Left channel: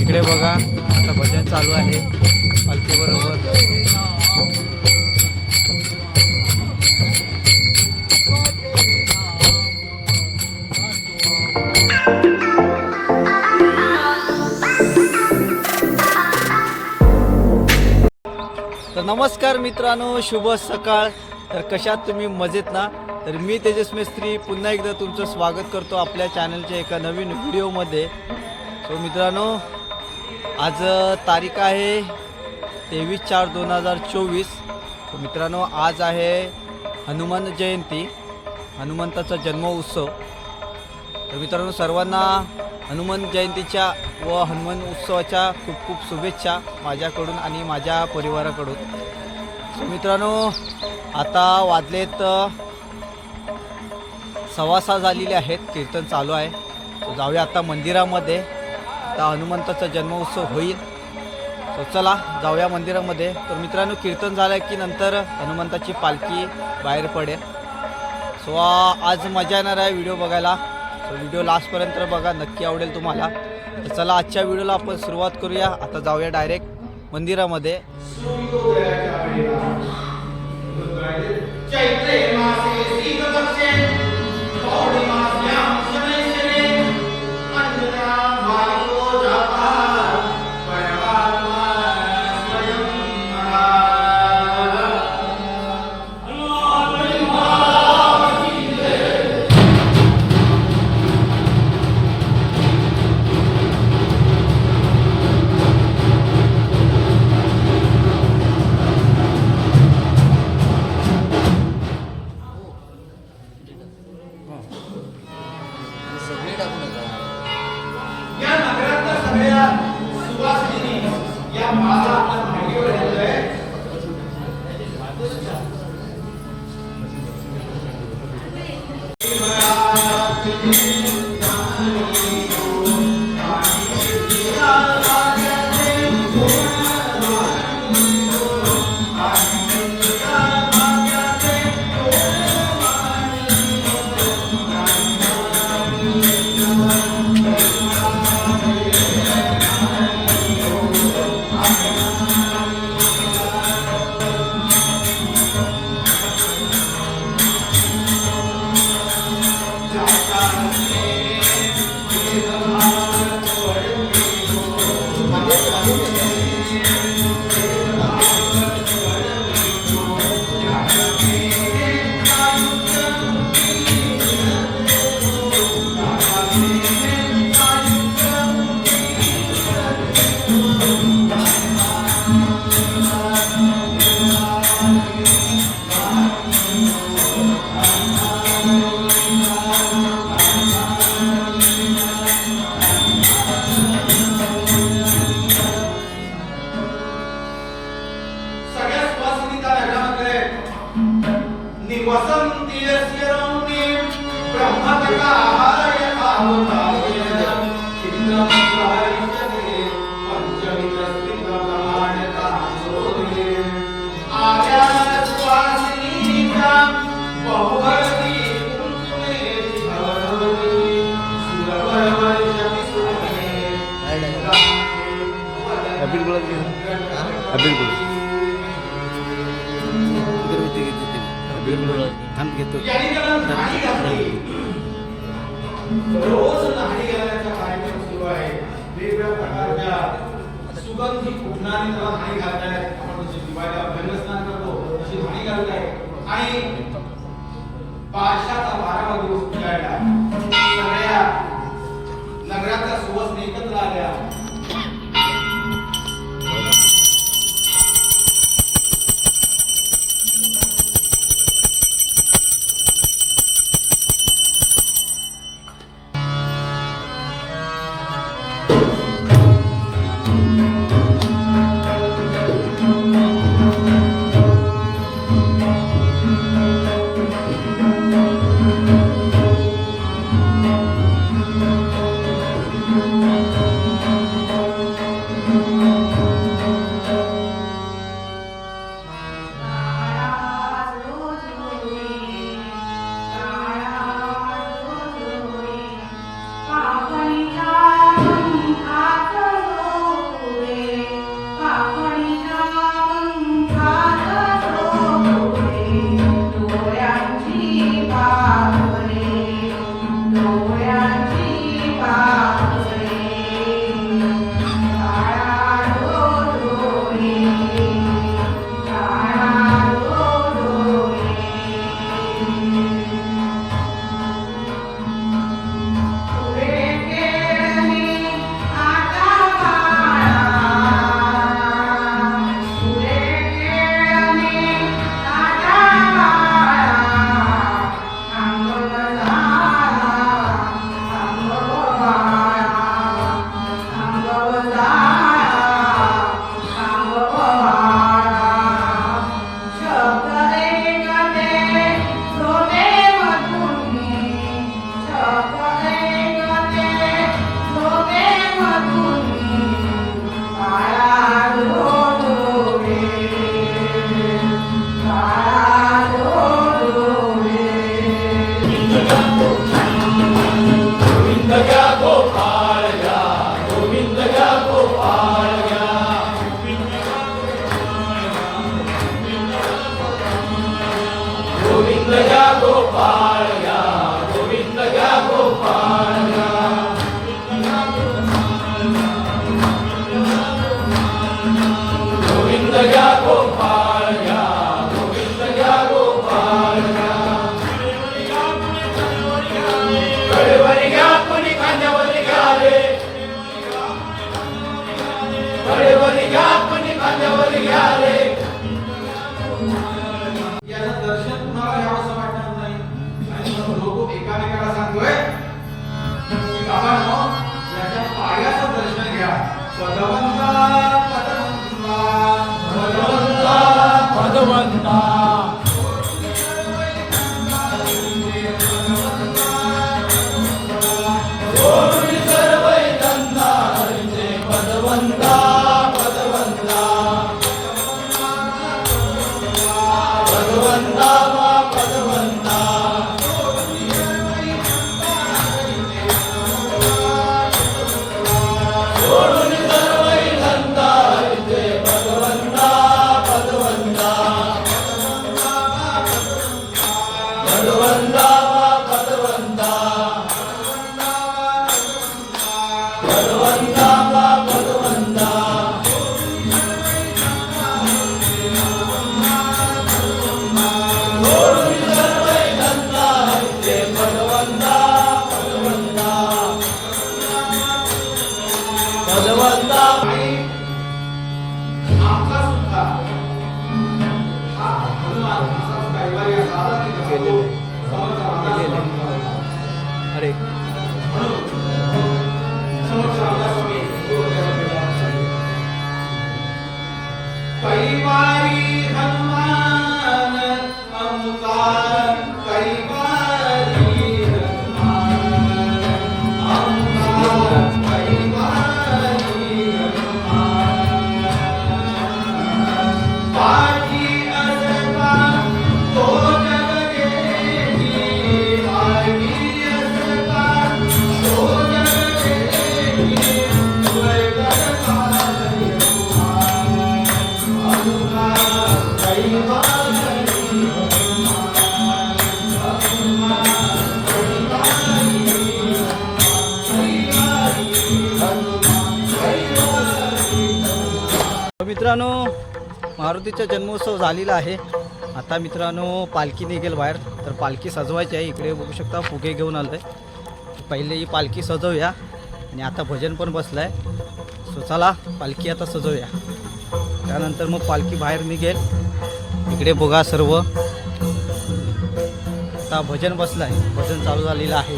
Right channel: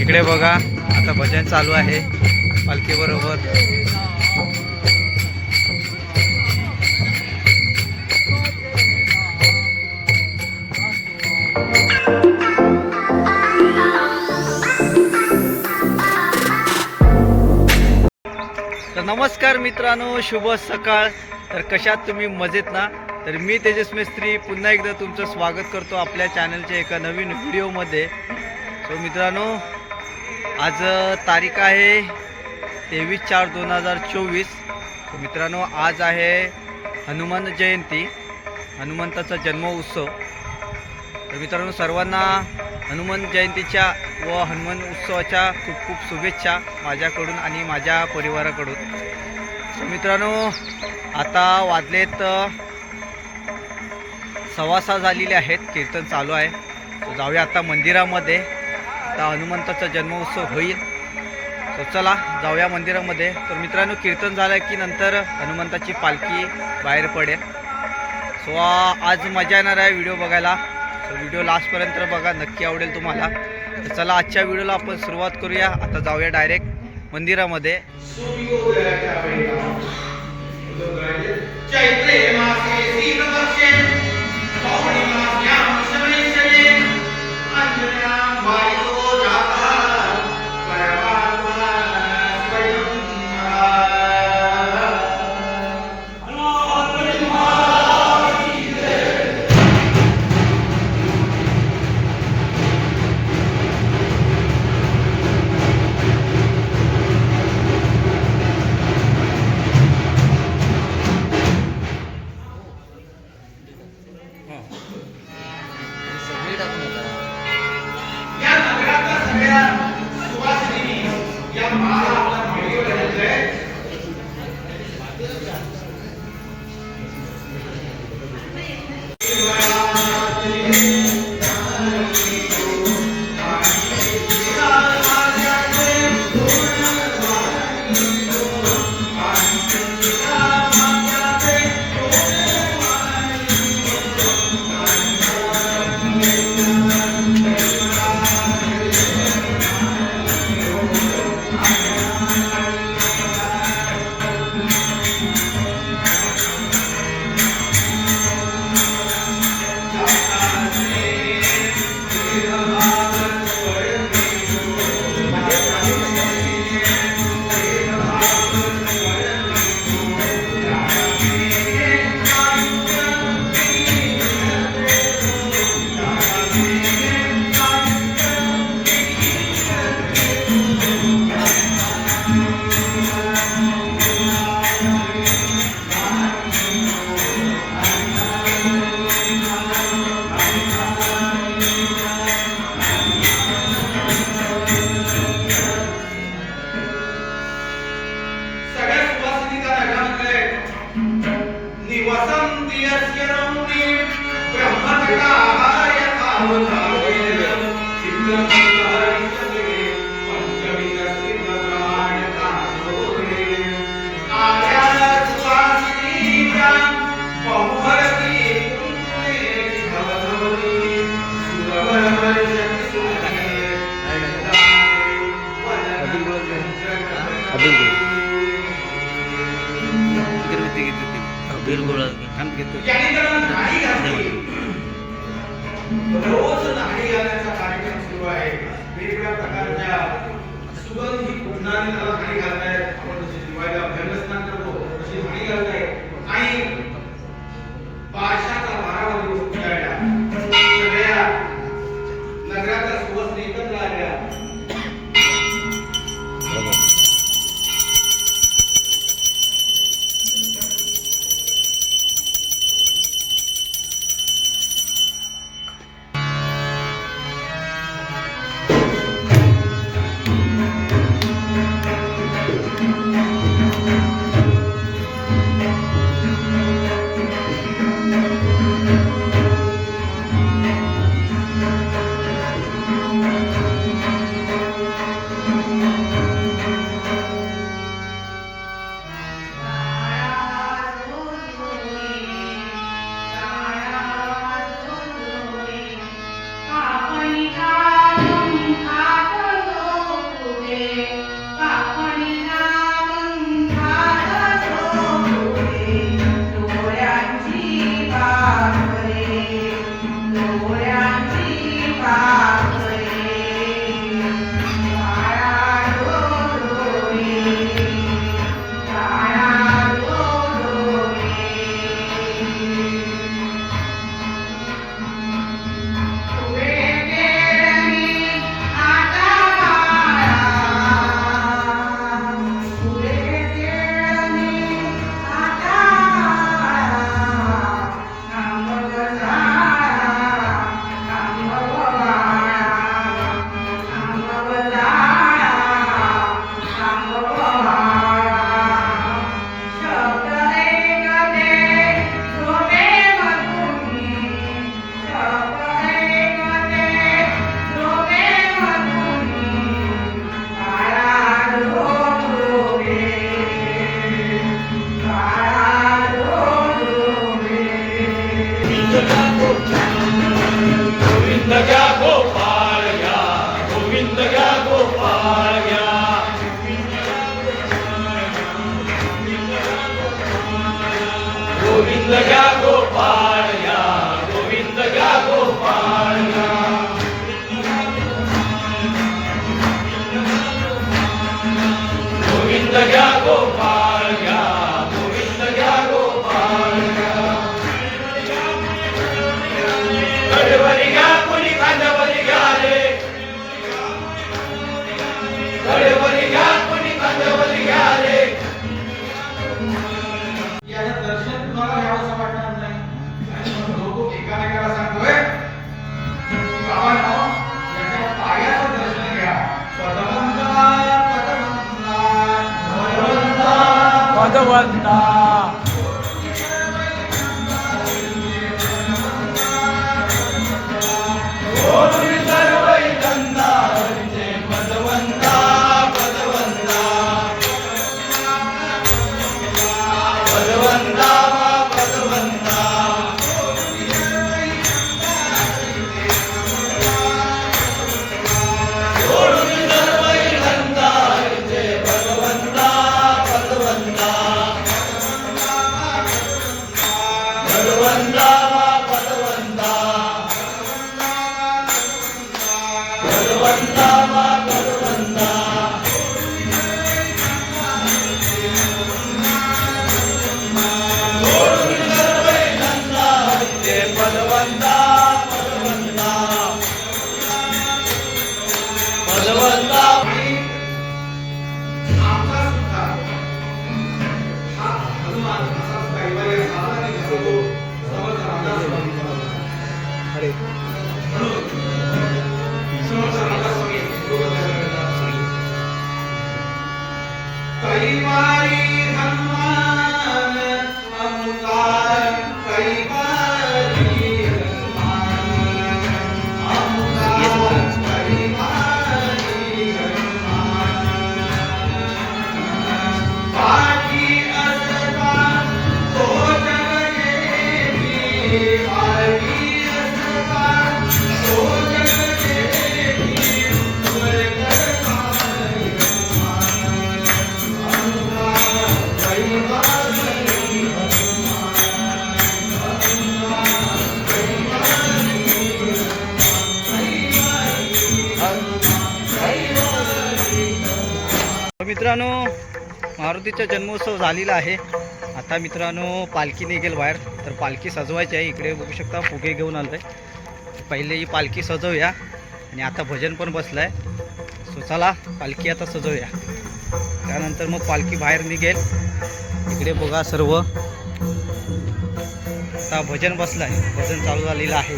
इकडे बघा आता भजन चालू आहे पालखी बरोबर नमस्कार मित्रांनो शुभ सकाळ. तर कशात तुम्ही मजेत ना? तर मी तेजस मिस्त्री. पुन्हा एकदा तुमचं स्वागत करतो आपल्या चॅनलच्या एका नवीन व्हिडिओमध्ये तो मित्रांनो आज तारीख आहे तेवीस चार दोन हजार चोवीस. तर मित्रांनो आज आहे हनुमान जयंती हनुमंताचा जन्म उत्सव. तर मित्रांनो सर्वांना हनुमान जयंतीच्या व हनुमान उत्सवाच्या खूप खूप शुभेच्छा माझ्याकडून आणि माझ्या परिवाराकडून. मित्रांनो आता वाजलेत सव्वा सहा झालेले आहेत कीर्तन चालू आहे. जाऊया आता मंदिरामध्ये. आता हनुमंताचा जन्मोत्सव होईल. तर चला जाऊया मंदिरामध्ये. तर मित्रांनो कीर्तन झालं की नंतर हनुमंताची पालखी बाहेर पडेल. सो आज मजा येणार आहे व्हिडिओ बघायला. तर व्हिडिओ लास्टपर्यंत बघा नक्की आवडेल तुम्हाला. तर चला आजच्या व्हिडिओला आपण सुरुवात करूया. आता जाऊया डायरेक्ट मंदिरामध्ये. 한번 वेगवेगळ्या प्रकारच्या सुगंधी कुठणारी त्याला हानी घालतायत आपण जशी दिवाळीला अभ्यंगस्नान करतो तशी हानी घालतायत आणि पाशाचा बारावा दिवस उजाडला सगळ्या नगराच्या सुवासनी एकत्र आल्या. another one. aí मित्रांनो मारुतीचा जन्मोत्सव झालेला आहे. आता मित्रांनो पालखी निघेल बाहेर. तर पालखी सजवायची आहे. इकडे बघू शकता फुगे घेऊन आलं आहे पहिले ही पालखी सजवूया. आणि आता भजन पण बसलं आहे सो चला पालखी आता सजवूया. त्यानंतर मग पालखी बाहेर निघेल. इकडे बघा सर्व. आता भजन बसलं आहे भजन चालू झालेलं आहे.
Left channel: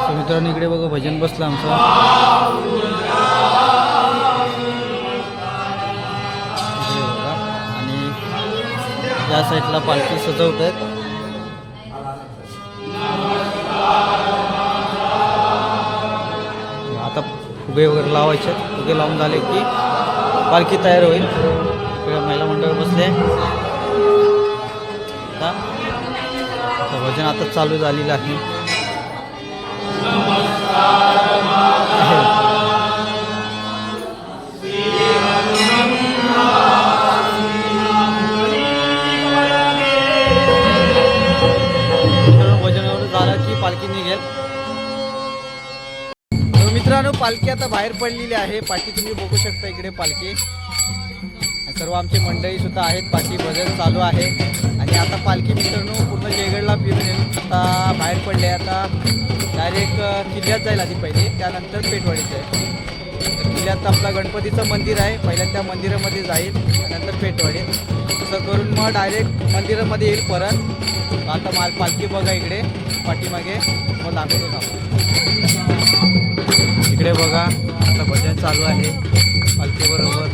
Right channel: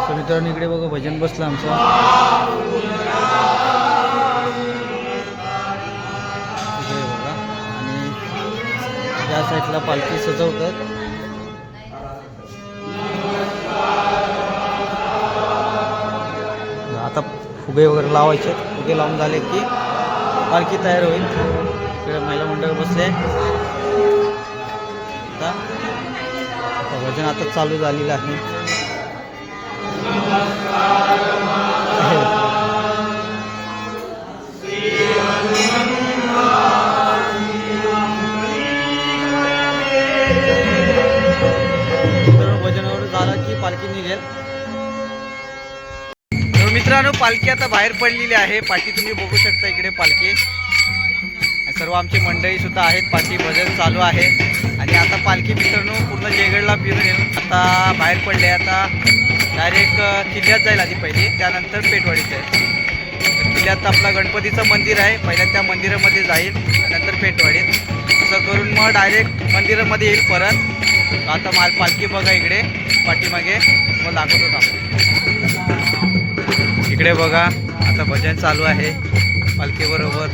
सो मित्रांनो इकडे बघा भजन बसलं आमचं. या साईडला पालखी सजवत आहेत आता फुगे वगैरे लावायचे. फुगे लावून झाले की पालखी तयार होईल. महिला मंडळ बसले. आता भजन आता चालू झालेलं आहे. पालखी आता बाहेर पडलेली आहे. पाठी तुम्ही बघू शकता इकडे पालखी. सर्व आमची मंडळी सुद्धा आहेत. पाठी भजन चालू आहे. आणि आता पालखी मित्रांनो पूर्ण जयगडला फिरून येऊन आता बाहेर पडले आता डायरेक्ट किल्ल्यात जाईल आधी पहिले. त्यानंतर पेटवाडीत जाईल. किल्ल्यात आपला गणपतीचं मंदिर आहे. पहिल्या त्या मंदिरामध्ये जाईल. त्यानंतर पेटवाडीत असं करून मग डायरेक्ट मंदिरामध्ये येईल परत. आता माल पालखी बघा इकडे. पाठीमागे. मग दाखवतो आपण इकडे बघा आता भजन चालू आहे पालखीबरोबर.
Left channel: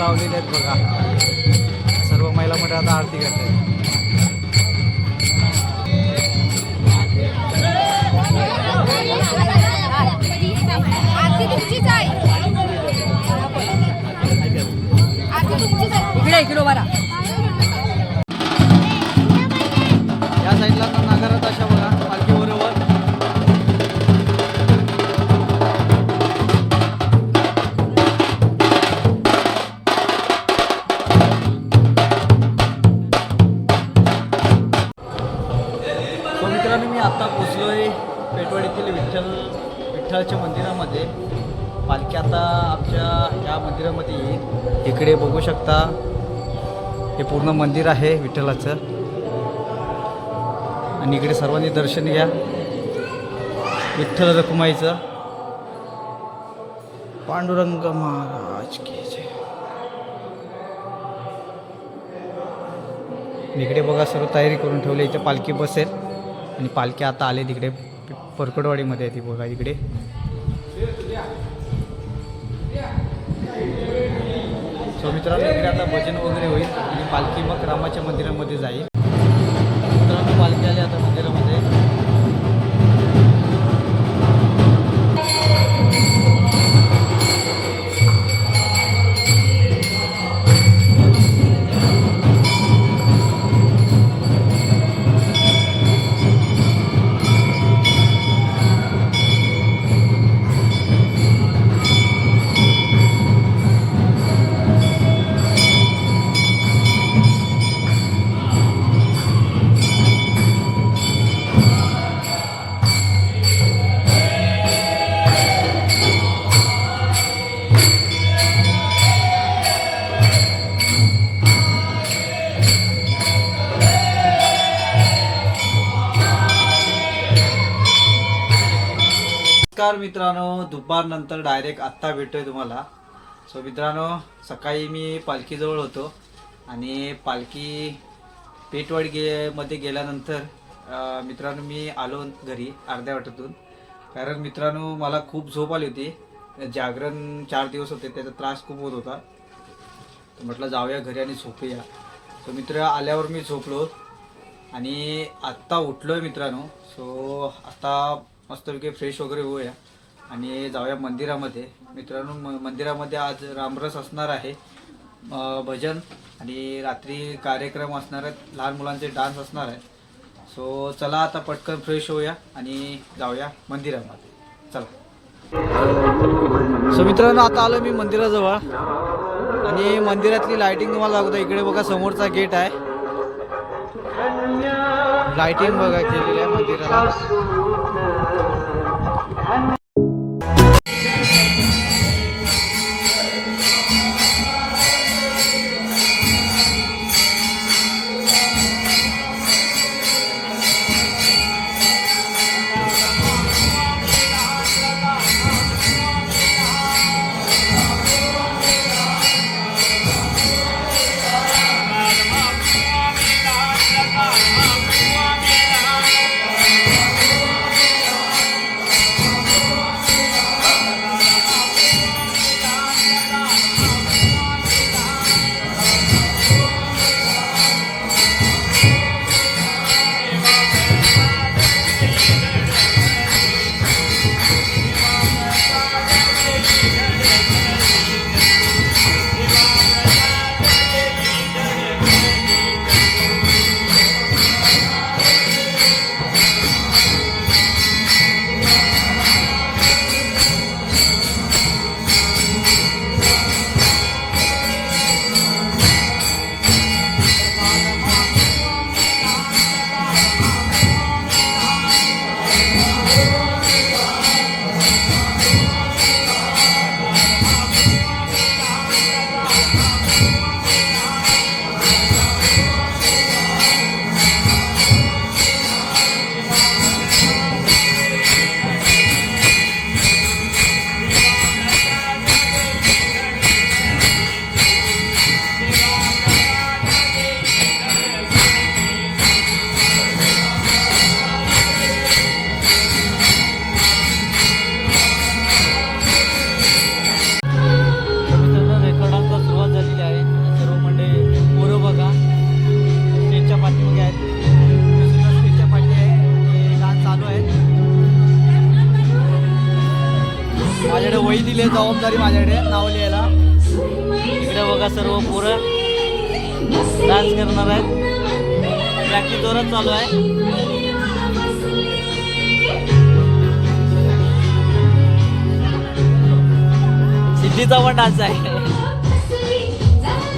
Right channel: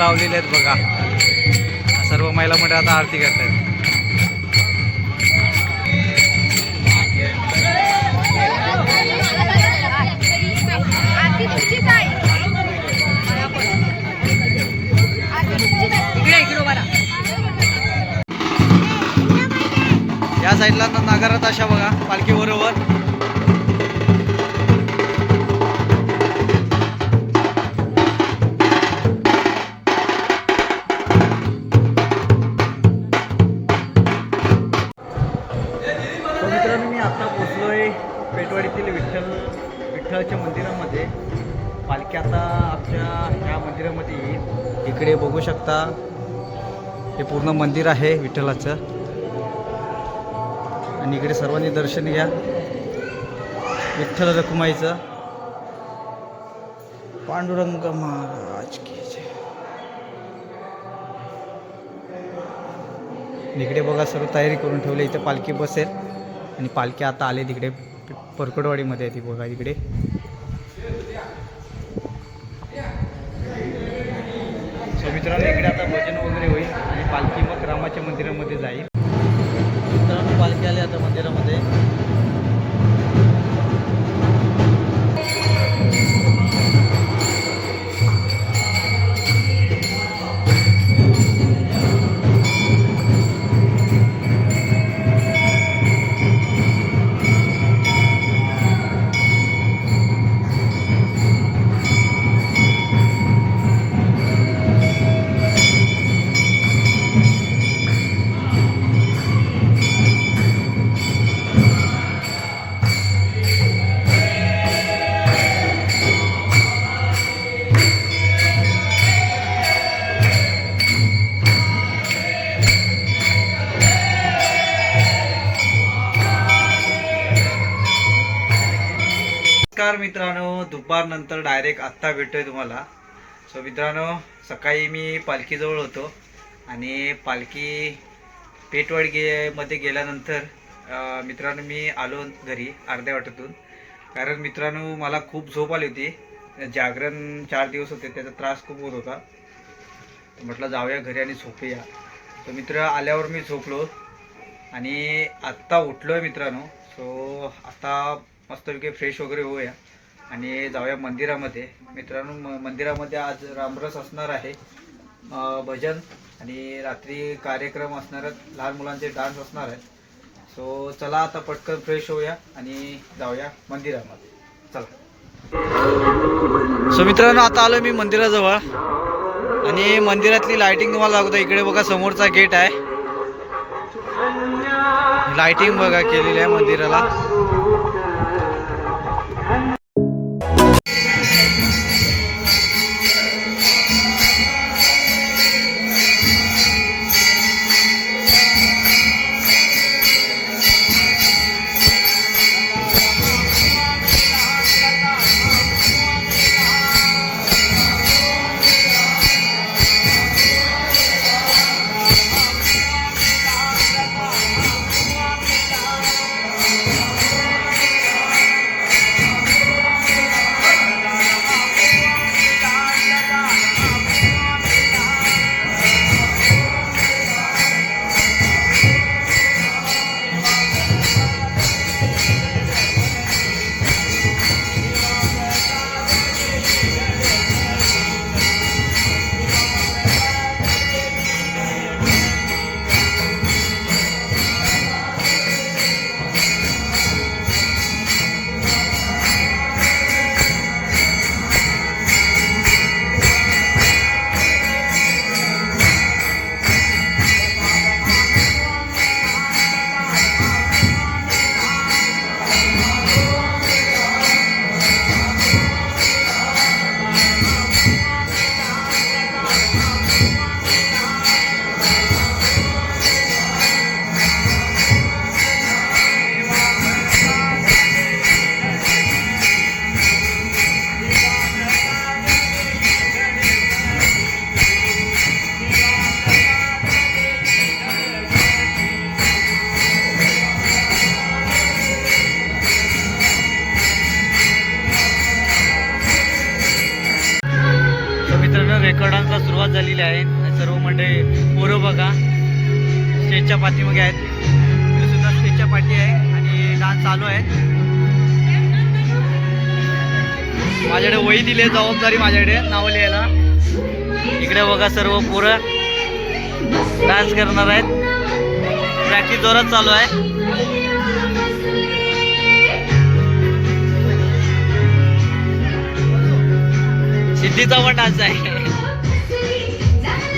लावलेले आहेत बघा. सर्व महिला मंडळ आता आरती इकडे मला या साईडला तर नागारात अशा बघा पालखी मित्रांनो मी आता आहे पेटवाडीतील विठ्ठल विठ्ठलाच्या मंदिरामध्ये. पालखी आता आमच्या या मंदिरामध्ये येईल. इकडे बघू शकता. हे पूर्ण मंदिर आहे विठ्ठलाचं. आणि इकडे सर्वांनी दर्शन घ्या. विठ्ठल रखुमाईचं. पांडुरंग महाराज की जय. इकडे बघा सर्व तयारी करून ठेवली. इथे पालखी बसेल. आणि पालखी आता आले तिकडे परकडवाडीमध्ये आहे ती बघा इकडे. सो मित्रांनो इकडे आता भजन वगैरे होईल आणि पालखी मग रामाच्या मंदिरामध्ये जाईल. मित्रांनो पालखी आली आता मंदिरामध्ये. नमस्कार मित्रांनो. दुपारनंतर डायरेक्ट आत्ता भेटतोय तुम्हाला. सो मित्रांनो सकाळी मी पालखीजवळ होतो आणि पालखी पेटवाडी गे मध्ये गेल्यानंतर मित्रांनो मी आलो घरी अर्ध्या वाटेतून. कारण मित्रांनो मला खूप झोप आली होती. जागरण चार दिवस होते त्याचा त्रास खूप होत होता. तर म्हटलं जाऊया घरी आणि झोपूया. तर मित्र आल्यावर मी झोपलो आणि आत्ता उठलो आहे मित्रांनो. सो आता मस्तपैकी फ्रेश वगैरे होऊया. आणि जाऊया मंदिरामध्ये. मित्रांनो म मंदिरामध्ये आज रामरस असणार आहे. भजन आणि रात्री कार्यक्रम असणार आहेत. लहान मुलांचे डान्स असणार आहे सो चला आता पटकन फ्रेश होऊया आणि जाऊया मंदिरामध्ये. चला. सो मित्रांनो आता आलो मी मंदिराजवळ. आणि मंदिरातली लाइटिंग तुम्हाला दाखवतो. इकडे बघा समोरचा गेट आहे. लाइटिंग बघा केलेली आहे मंदिराला. आलेली आहेत. म्हणजे सर्व मंडळी पोरं बघा. स्टेजच्या पाठीमागे आहेत. मी सुद्धा स्टेजच्या पाठी आहे आणि डान्स चालू आहे. माझ्याकडे वही दिली आहे जबाबदारी माझ्याकडे नाव लिहायला. इकडे बघा सर्व पोरं. डान्स करणार आहेत. प्रॅक्टिस जोरात चालू आहे. सिद्धीचा पण डान्स आहे.